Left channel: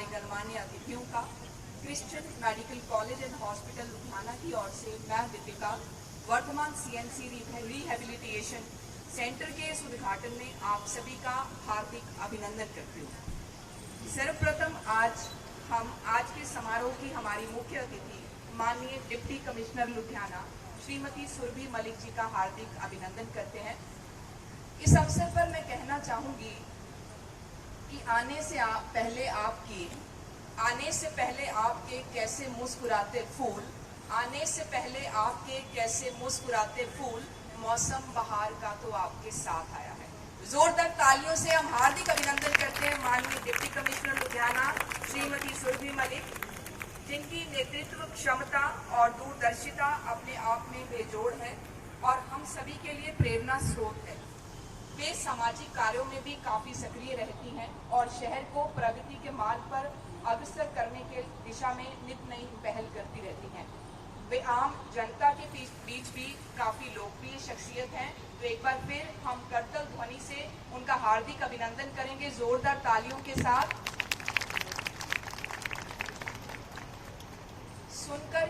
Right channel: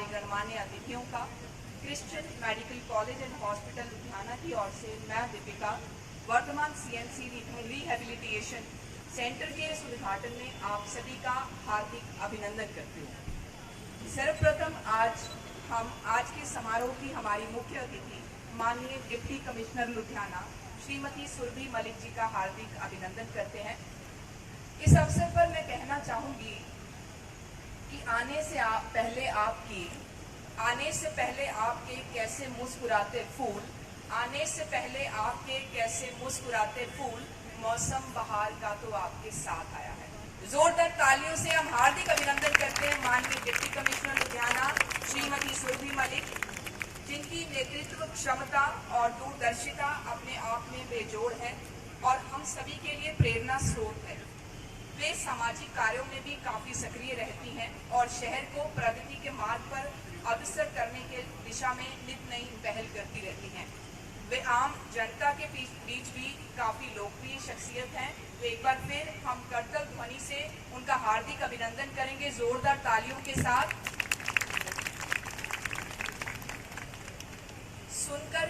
हमारे गणमान्य अतिथियों का Christian medical college and hospital Ludhiana की ओर से मैं दीपिका वर्तमान c.m.c रिहैबिलिटेशन सेंटर के इस उद्घाटन में आप सभी का हार्दिक अभिनंदन करती हूँ। सर्वप्रथम आज के समारोह की हमारी मुख्य अतिथि माननीय डिप्टी कमिश्नर लुधियाना श्रीमती सुरभि मलिक जी का हार्दिक अभिनंदन करते हैं। इस अवसर पर मैं कहना चाहूंगी कि आने से पहले आपके कैसे मुस्कुराते फूल मौसम बहार का तो आपके साथ आया है। जोरदार तालियों से हम हार्दिक अभिनंदन करते हैं माननीय डिप्टी कमिश्नर लुधियाना श्रीमती सुरभि मलिक, जिनकी नेतृत्व क्षमता और दूरदर्शिता अपने आप में बेजोड़ है और हम सभी के लिए प्रेरणा स्रोत है। वे सामाजिक कार्यों में भी काफी सक्रिय रहती हैं और शहर को प्रगति के मार्ग पर अग्रसर करने के दिशा में नित नई पहल करती रहती हैं। वे आम जनता के बीच भी काफी लोकप्रिय शख्सियत हैं। तो एक बार फिर हम करतल ध्वनि से उनका हार्दिक अभिनंदन करेंगे जोरदार तालियों के साथ। सुनकर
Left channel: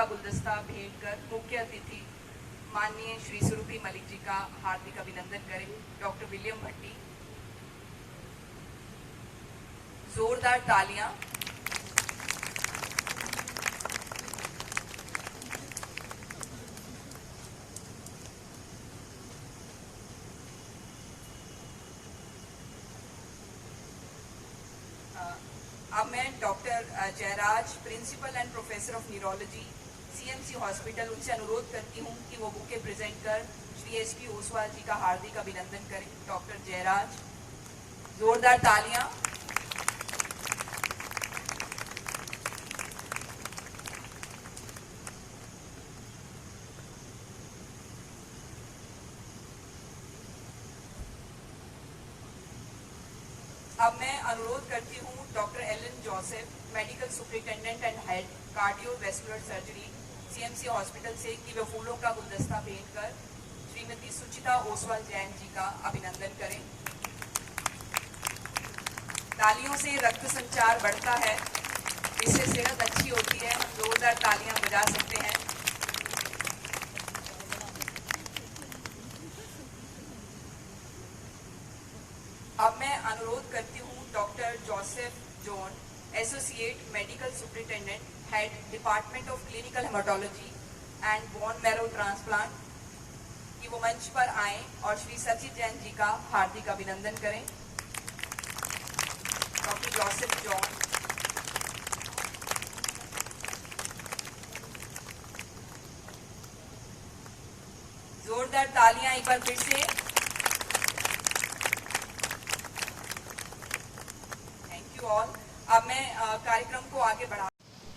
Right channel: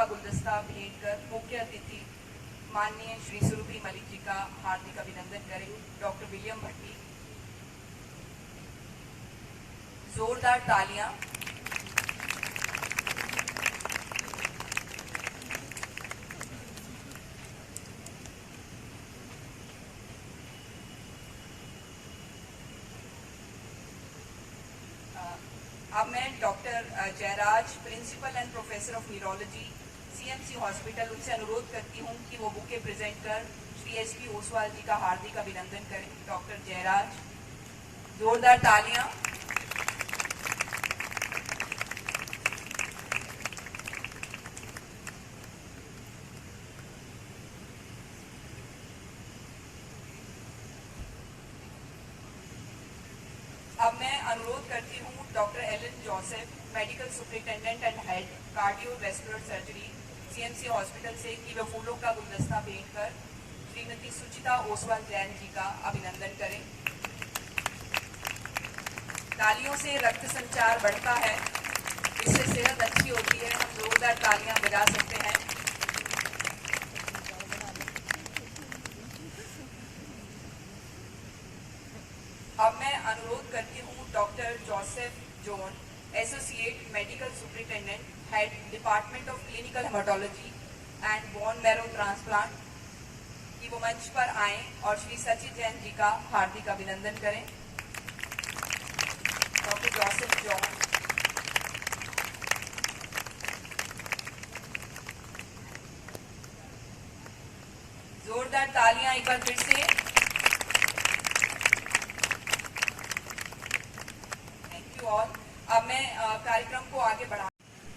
का गुलदस्ता भेंट कर मुख्य अतिथि माननीय श्री सुरभि मलिक जी का हार्दिक अभिनंदन करें। डॉक्टर विलियम भट्टी, जोरदार तालियां। अब मैं doctor Jayaraj, principal and professor of neurology, c.m.c hospital, उनसे अनुरोध करती हूं कि वो बुके प्रेजेंट कर श्री एस.पी. ओसवाल जी का हार्दिक अभिनंदन करें। डॉक्टर जयराज, जोरदार तालियां। अब मैं अनुरोध करती हूँ doctor Alan Joseph, medical superintendent and head cardiovascular surgery, c.m.c hospital से, कि वो फूलों का गुलदस्ता भेंट कर श्रीमती सुचिता ओसवाल जैन जी का अभिनंदन करें। तालियों से रक्त संचार बढ़ता है, इससे सेहत अच्छी होती है। जोरदार तालियां बजा सकते हैं। अब मैं अनुरोध करती हूँ doctor Joseph John, associate medical superintendent, head department of clinical haematology and bone marrow transplant, कि वो मंच पर आएं और श्री सची जैन जी का हार्दिक अभिनंदन करें। डॉक्टर जोसेफ जॉन, जोरदार तालियां एक बार फिर से। और अब मैं कार्यक्रम को आगे बढ़ा।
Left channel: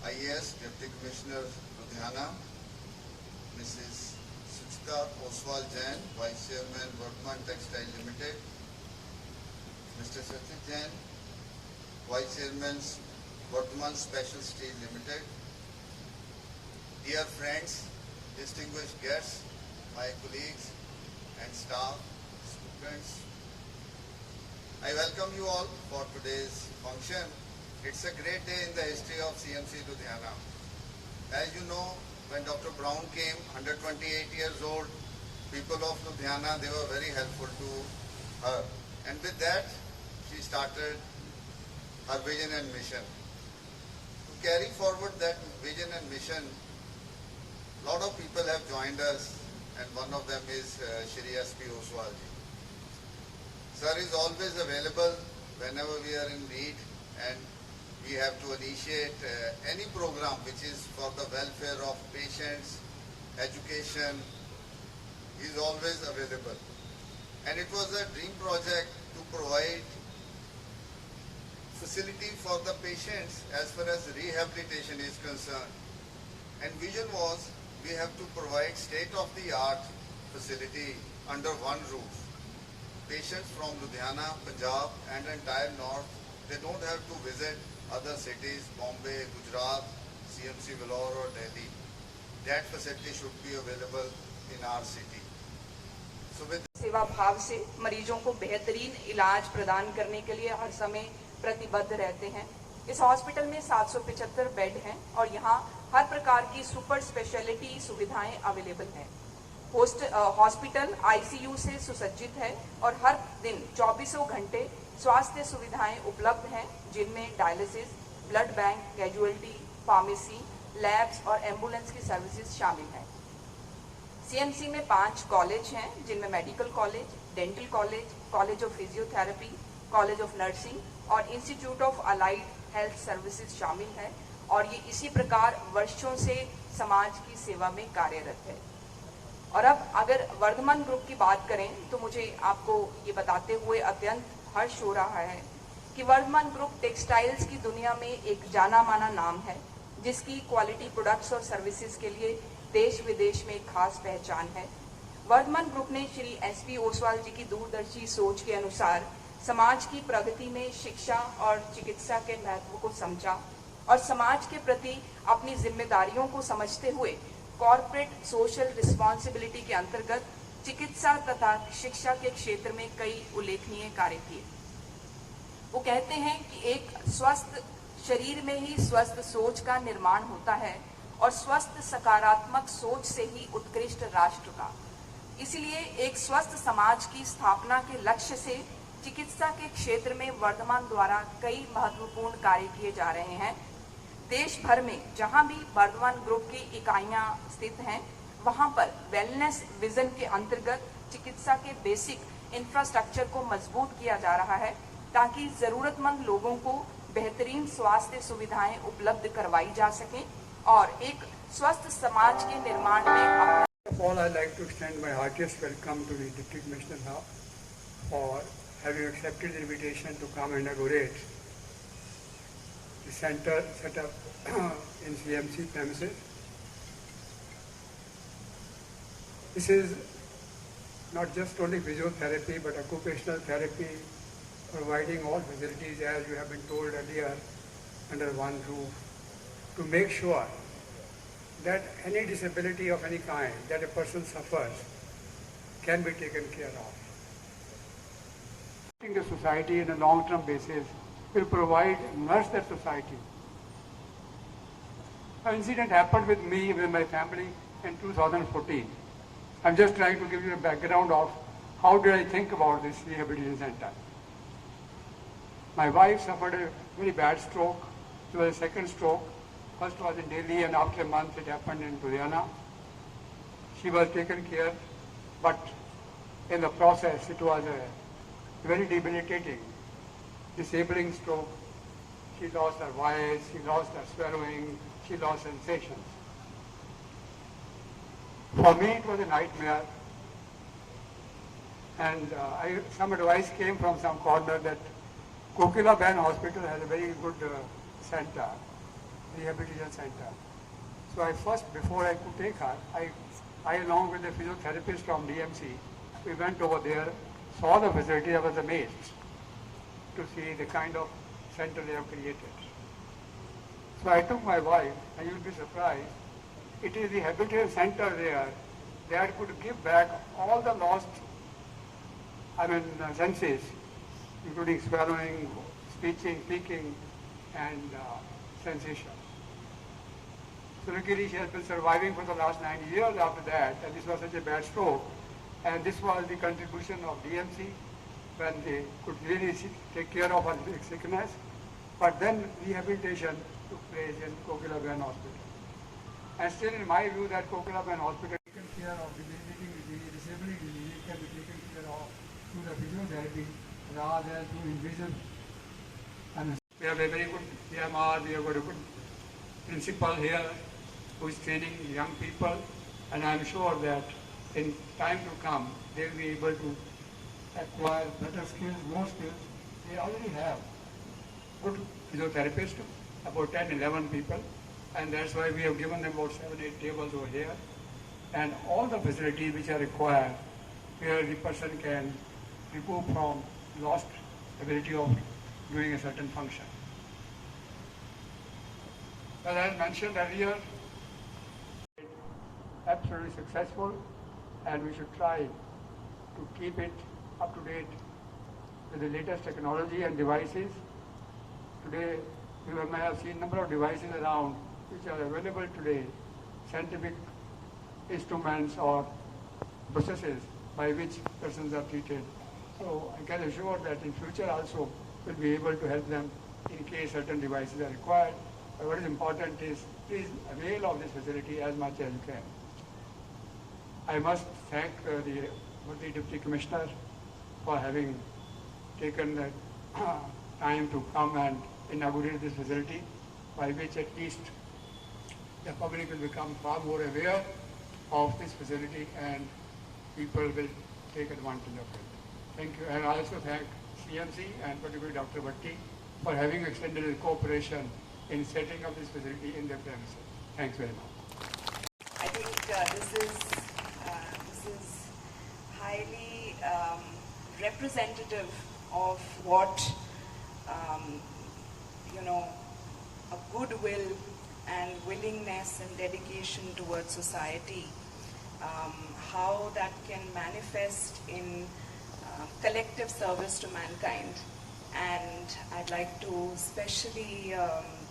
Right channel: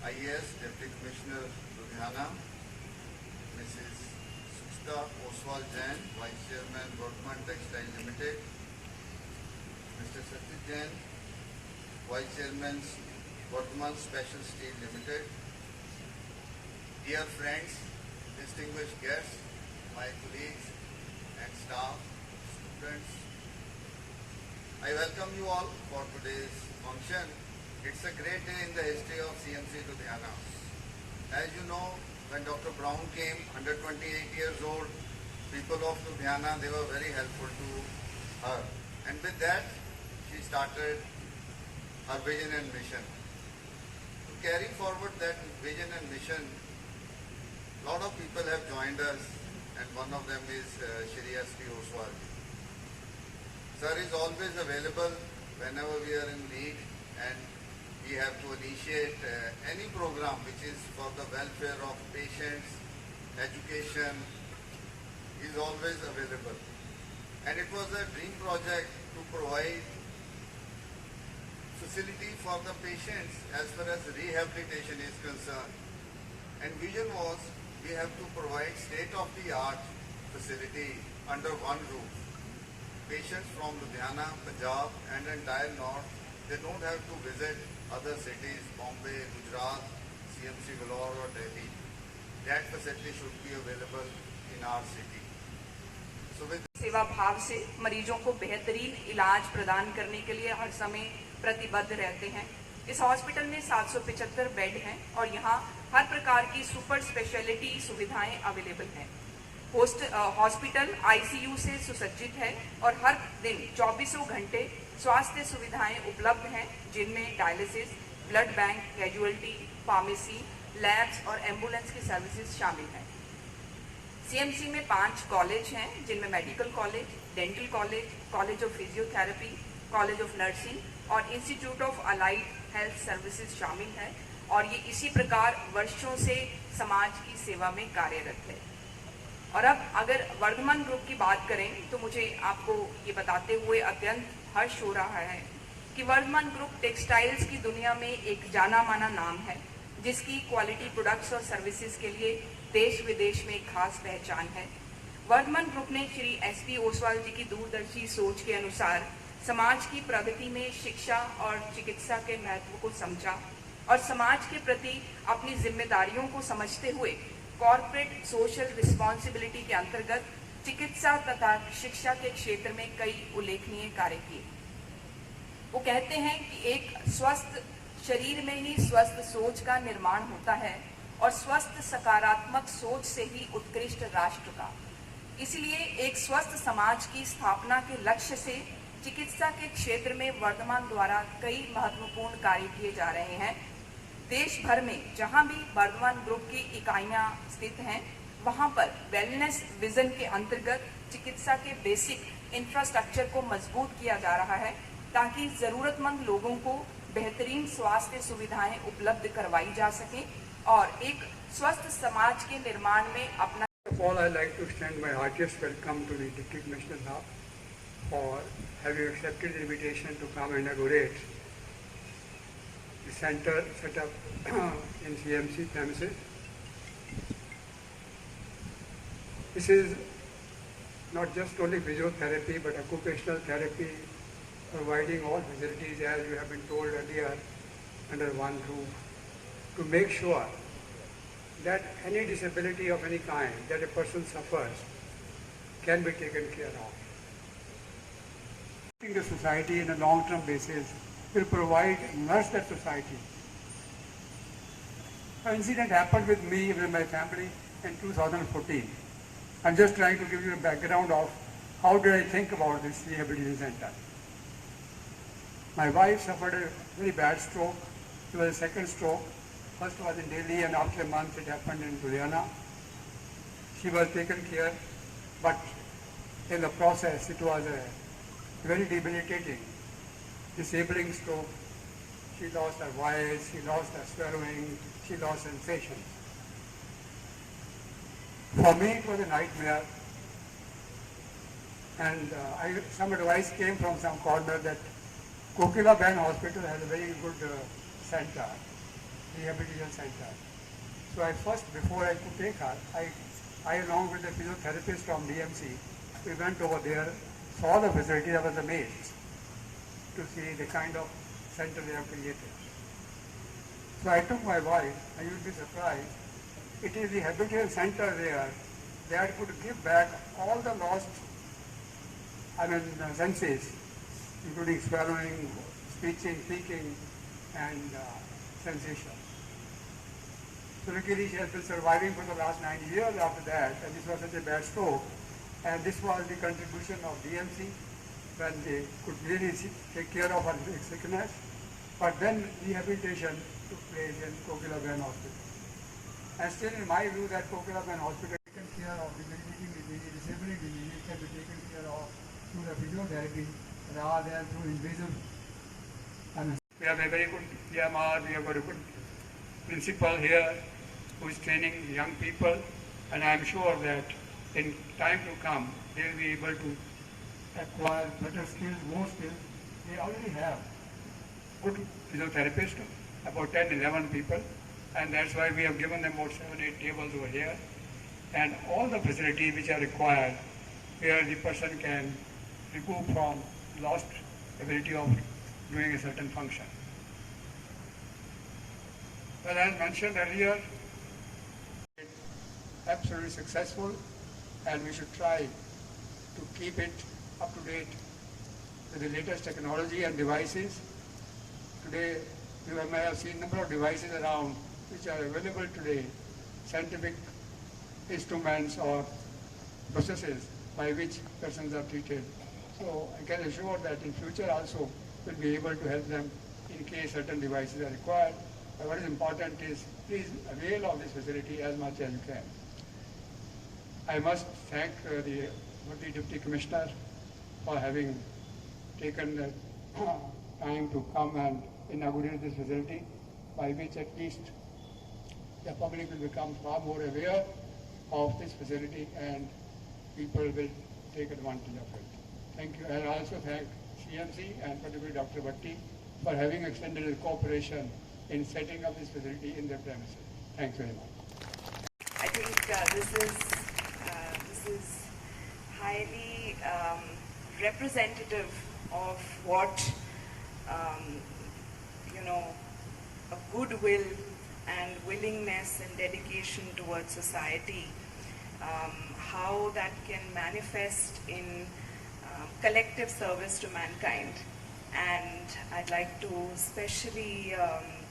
IAS deputy commissioner Ludhiana, Mrs Suchita Oswal Jain, vice chairman Vardhman textile limited, mister Sachin Jain, vice chairman Vardhman special steel limited, dear friends, distinguished guests, my colleagues and staff, students, I welcome you all for today's function. It's a great day in the history of c.m.c Ludhiana. As you know, when Dr. Brown came, 128 years old, people of Ludhiana, they were very helpful to her. And with that, she started her vision and mission. To carry forward that vision and mission, a lot of people have joined us, and one of them is Shri S.P. Oswal ji. Sir is always available whenever we are in need, and we have to initiate any program which is for the welfare of patients, education. He is always available. And it was a dream project to provide facility for the patients as far as rehabilitation is concerned. And vision was we have to provide state-of-the-art facility under one roof. Patients from Ludhiana, Punjab and entire north, they don't have to visit other cities, Bombay, Gujarat, c.m.c Vellore or Delhi. That facility should be available in our city. So with सेवा भाव से मरीजों को बेहतरीन इलाज प्रदान करने के लिए हर समय प्रतिबद्ध रहते हैं। इस हॉस्पिटल में 775 बेड हैं और यहाँ हर प्रकार की सुपर स्पेशलिटी सुविधाएं अवेलेबल हैं। हॉस्पिटल ICU से सुसज्जित है और हर दिन 24 घंटे स्वास्थ्य सुविधाएं उपलब्ध हैं, जिनमें dialysis, blood bank, casualty, pharmacy, labs और एम्बुलेंस की सर्विसेज शामिल हैं। c.m.c में 5 कॉलेज हैं, जिनमें medical college, dental college, college of physiotherapy, college of nursing और institute of allied health services शामिल हैं और ये इसी प्रकार वर्षों से समाज की सेवा में कार्यरत है। और अब अगर वर्धमान ग्रुप की बात करें तो मुझे आपको ये बताते हुए अत्यंत हर्ष हो रहा है कि वर्धमान ग्रुप टेक्सटाइल्स की दुनिया में एक जाना माना नाम है, जिसकी क्वालिटी प्रोडक्ट्स और सर्विसेज के लिए देश विदेश में खास पहचान है। वर्धमान ग्रुप ने श्री S.P. ओसवाल जी की दूरदर्शी सोच के अनुसार समाज की प्रगति में शिक्षा और चिकित्सा के महत्व को समझा और समाज के प्रति अपनी जिम्मेदारियों को समझते हुए कॉर्पोरेट सोशल रिस्पॉन्सिबिलिटी के अंतर्गत चिकित्सा तथा शिक्षा के क्षेत्र में कई उल्लेखनीय कार्य किए। वो कहते हैं कि एक स्वस्थ शरीर में ही स्वस्थ सोच का निर्माण होता है और स्वस्थ सकारात्मक सोच से ही उत्कृष्ट राष्ट्र का। इसलिए एक स्वस्थ समाज की स्थापना के लक्ष्य से चिकित्सा के क्षेत्र में वर्धमान द्वारा कई महत्वपूर्ण कार्य किए जा रहे हैं। देश भर में जहां भी वर्धमान ग्रुप की इकाइयां स्थित हैं, वहां पर वेलनेस विजन के अंतर्गत चिकित्सा के बेसिक इंफ्रास्ट्रक्चर को मजबूत किया जा रहा है, ताकि जरूरतमंद लोगों को बेहतरीन स्वास्थ्य सुविधाएं उपलब्ध करवाई जा सके और एक स्वस्थ समाज के निर्माण में अपना। First of all, I'd like to extend my heartiest welcome to the Deputy Commissioner now for having accepted the invitation to come and inaugurate the center set up in c.m.c premises. This is not just only physiotherapy but occupational therapy, providing all facilities as you have been told earlier under one roof to make sure that any disability of any kind that a person suffers can be taken care of. The society in a long-term basis will nourish that society. An incident happened with me, with my family in 2014. I'm just trying to give you a background of how did I think about this rehabilitation center. My wife suffered a very bad stroke. It was a second stroke. First was in Delhi, and after a month it happened in Ludhiana. She was taken care, but in the process it was a very debilitating, disabling stroke. She lost her voice, she lost her swallowing, she lost sensations. For me it was a nightmare, and some advice came from some corner that Kokila Ben Hospital has a very good center, rehabilitation center. So before I could take her, I along with a physiotherapist from DMC, we went over there, saw the facility. I was amazed to see the kind of center they have created. So I took my wife, and you'll be surprised, it is the rehabilitation center there that could give back all the lost senses, including swallowing, speaking, and sensation. So luckily she has been surviving for the last 9 years after that, and this was such a bad stroke. And this was the contribution of DMC when they could really take care of her sickness. But then rehabilitation took place in Kokila Ben Hospital. And still in my view that Kokila Ben Hospital taken care of debilitating disease, disabling disease can be taken care of through the physiotherapy rather than through invasive. We have a very good PMR, we have got a good principal here who is training young people, and I am sure that in time to come they will be able to acquire better skills, more skills. They already have good physiotherapists, about 10, 11 people, and that's why we have given them about 7, 8 tables over here, and all the facilities which are required where the person can recoup from lost ability of doing a certain function. But as mentioned earlier, absolutely successful, and we should try to keep it up to date with the latest technology and devices. Today, you may have seen a number of devices around which are available today, scientific instruments or processes by which persons are treated. So I can assure that in future also we'll be able to help them in case certain devices are required. But what is important is please avail of this facility as much as you can. I must thank the Deputy Commissioner for having taken the time to come and inaugurate this facility, by which at least the public will become far more aware of this facility and people will take advantage of it. Thank you. And I also thank c.m.c and particularly Dr. Bhatti for having extended his cooperation in setting up this facility in their premises. Thanks very much. I think this is highly representative of what a goodwill and willingness and dedication towards society, how that can manifest in collective service to mankind. And I'd like to especially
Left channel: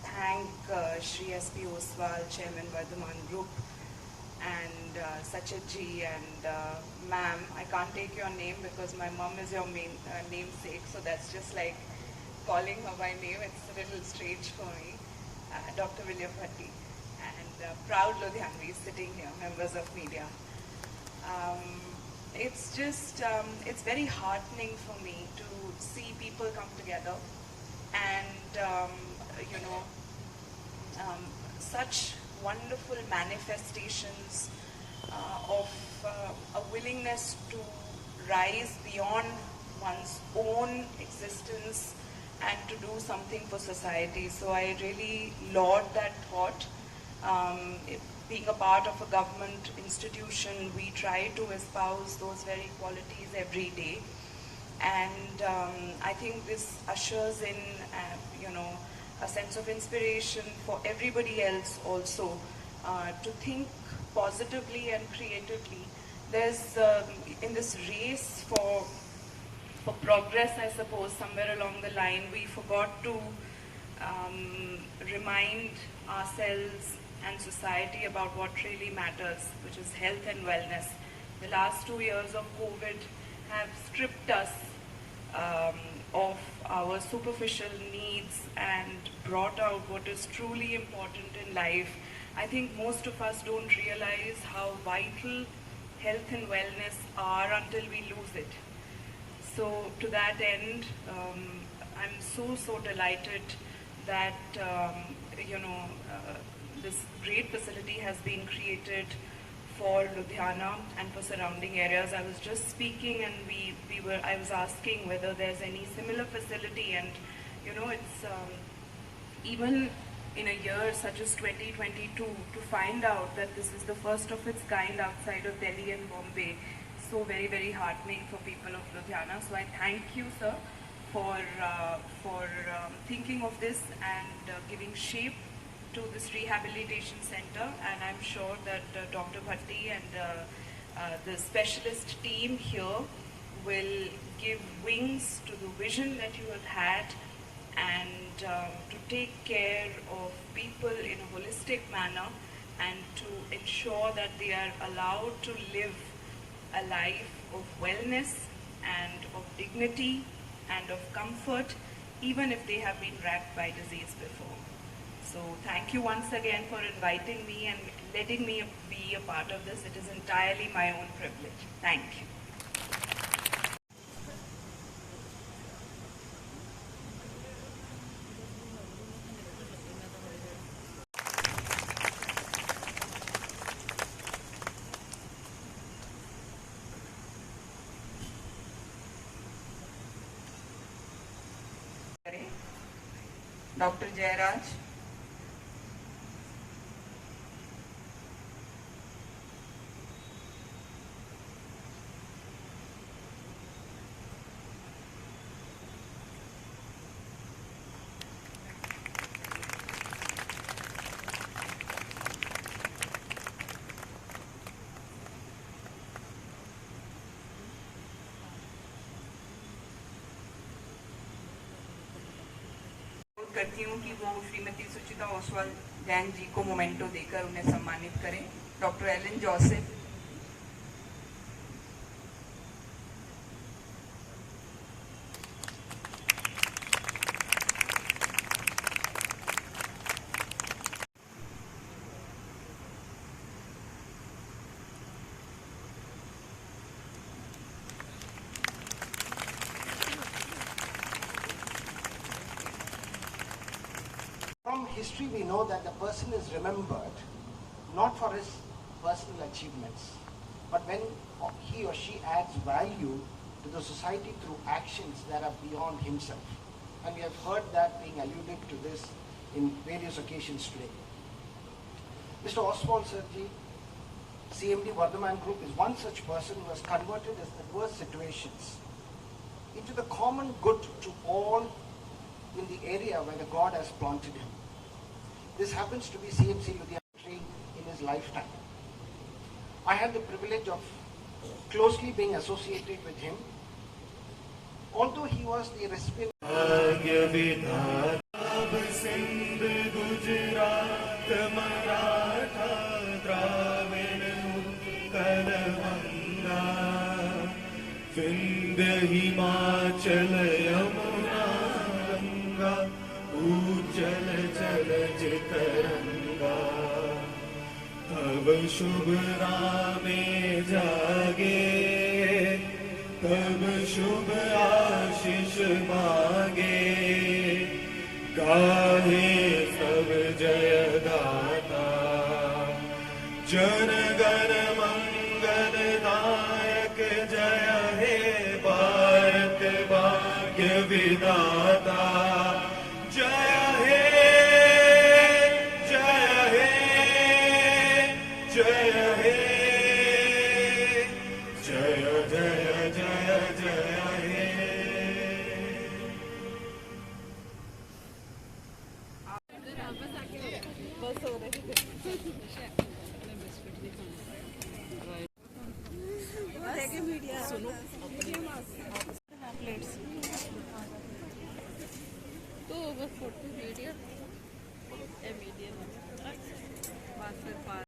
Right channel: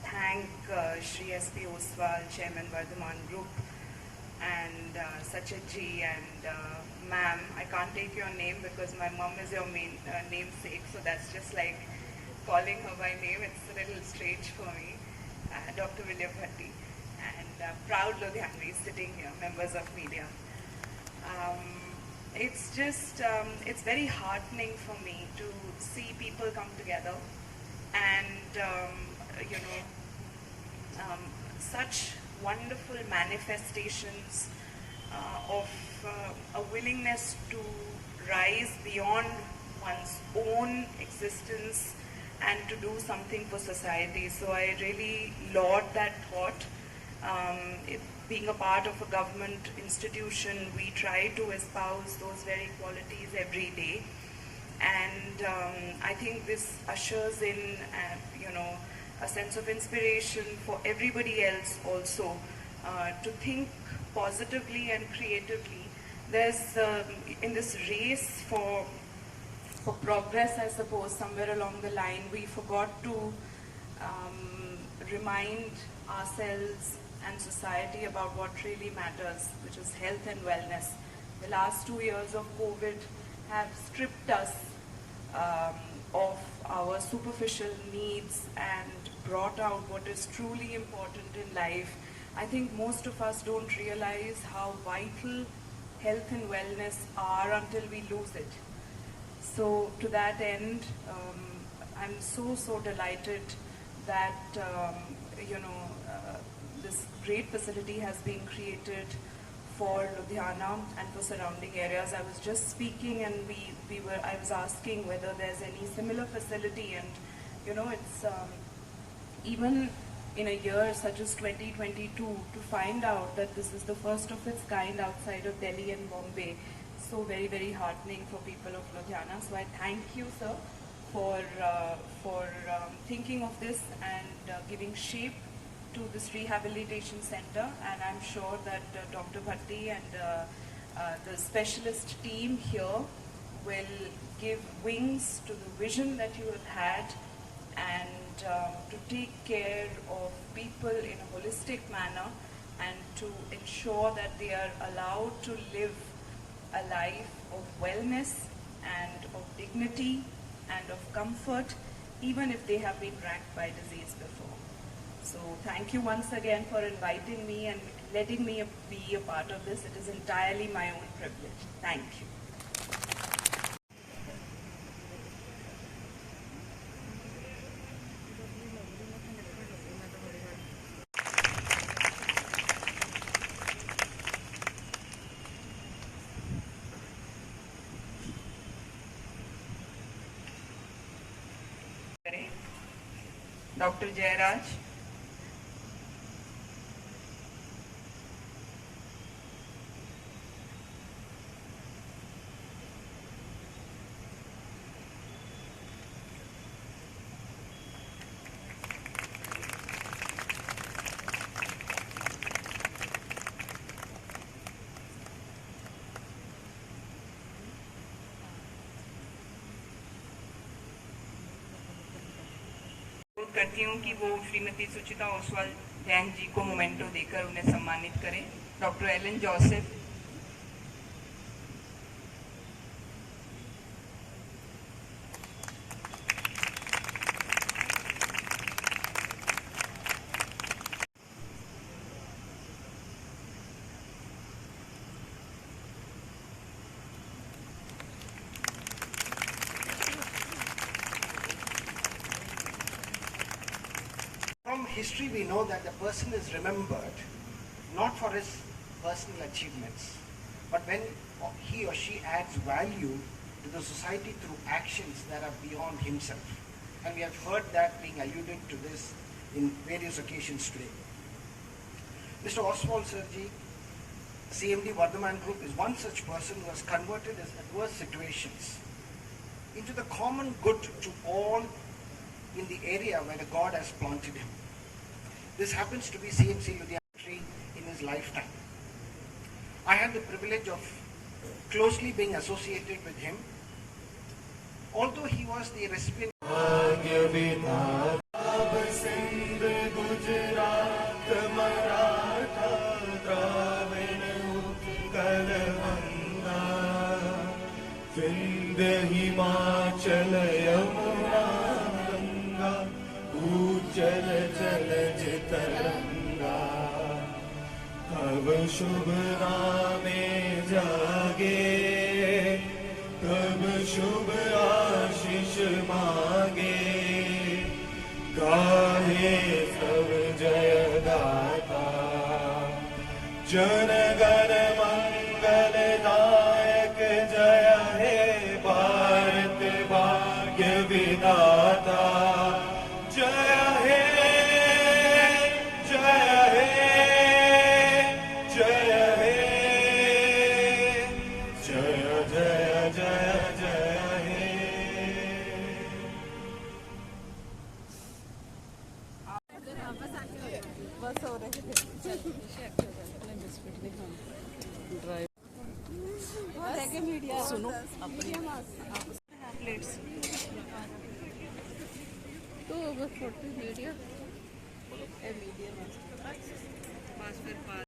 thank Shri S.P. Oswal, Chairman Vardhaman Group, and Sachet-ji and ma'am. I can't take your name because my mom is your namesake, so that's just like calling her by name. It's a little strange for me. Dr. William Bhatti and proud Ludhianvis sitting here, members of media. It's just, it's very heartening for me to see people come together and, such wonderful manifestations of a willingness to rise beyond one's own existence and to do something for society. So I really laud that thought. Being a part of a government institution, we try to espouse those very qualities every day. And I think this ushers in, a sense of inspiration for everybody else also to think positively and creatively. There's, in this race for progress, I suppose, somewhere along the line, we forgot to remind ourselves and society about what really matters, which is health and wellness. The last 2 years of COVID have stripped us of our superficial needs and brought out what is truly important in life. I think most of us don't realize how vital health and wellness are until we lose it. So to that end, I'm so delighted that this great facility has been created for Ludhiana and for surrounding areas. I was just speaking and I was asking whether there's any similar facility, and it's even in a year such as 2022 to find out that this is the first of its kind outside of Delhi and Bombay. So very heartening for people of Ludhiana. So I thank you, sir, for thinking of this and giving shape to this rehabilitation center. And I'm sure that Dr. Bhatti and the specialist team here will give wings to the vision that you have had, and to take care of people in a holistic manner and to ensure that they are allowed to live a life of wellness and of dignity and of comfort, even if they have been racked by disease before. So thank you once again for inviting me and letting me be a part of this. It is entirely my own privilege. Thank you. Dr. Jayaraj. करती हूँ कि वो श्रीमती सुचिता ओसवाल जैन जी को memento देकर उन्हें सम्मानित करें. Doctor Alan Joseph. From history, we know that the person is remembered not for his personal achievements, but when he or she adds value to the society through actions that are beyond himself. And we have heard that being alluded to this in various occasions today. Mr. Oswald Sirji, CMD Vardhaman Group, is one such person who has converted his adverse situations into the common good to all in the area where the God has planted him. This happens to be c.m.c. Ludhiana in his lifetime. I had the privilege of closely being associated with him Although he was the recipient Sindh Gujarat Maratha Dravida Utkal Ganga Vindhya Himachal Yamuna Ganga उज्जल जलज तरंगा तब शुभ नामे जागे तब शुभ आशीष मांगे गाहे सब जय दाता जन गण मंगल दायक जय हे भारत भाग्य विधाता जय हे जय हे जय हे जय जय जय जय हे तो वो फोटो वीडियो मीडियम पाँच फिर पाँच